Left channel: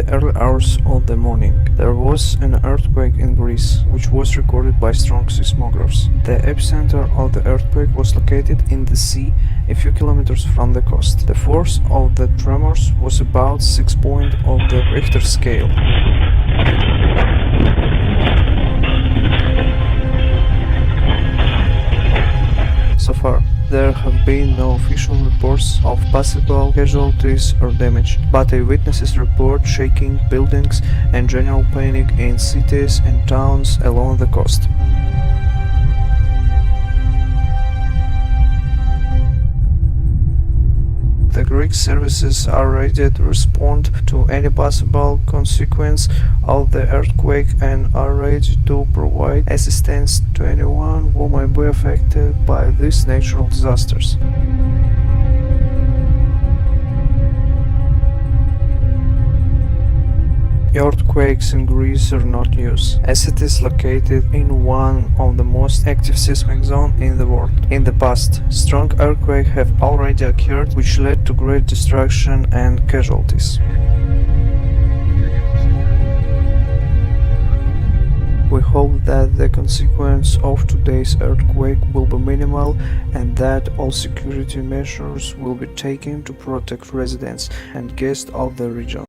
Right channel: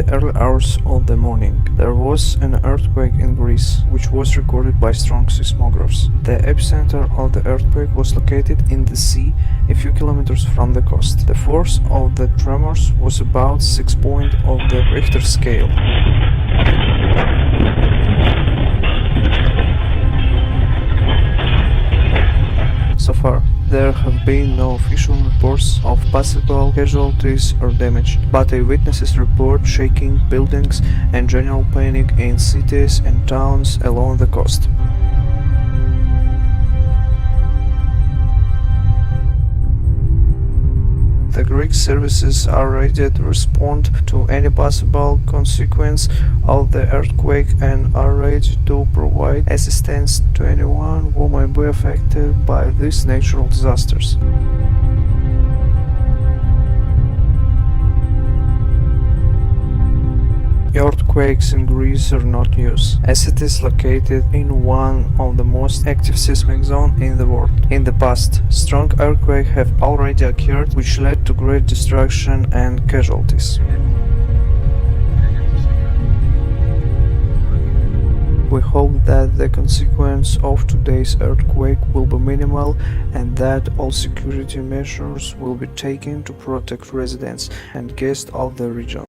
the early hours of the morning, there was an earthquake in Greece, which was recorded by strong seismographs. The epicenter of the earthquake was located in the sea a few kilometers from the coast. The force of the tremors was about 6 points of the Richter scale. So far, there have been no official reports of possible casualties or damage, but eyewitnesses report shaking buildings and general panic in cities and towns along the coast. The Greek services are ready to respond to any possible consequence of the earthquake and are ready to provide assistance to anyone who might be affected by these natural disasters. Earthquakes in Greece are not news, as it is located in one of the most active seismic zones in the world. In the past, strong earthquakes have already occurred, which led to great destruction and casualties. We hope that the consequence of today's earthquake will be minimal and that all security measures will be taken to protect residents and guests of the region.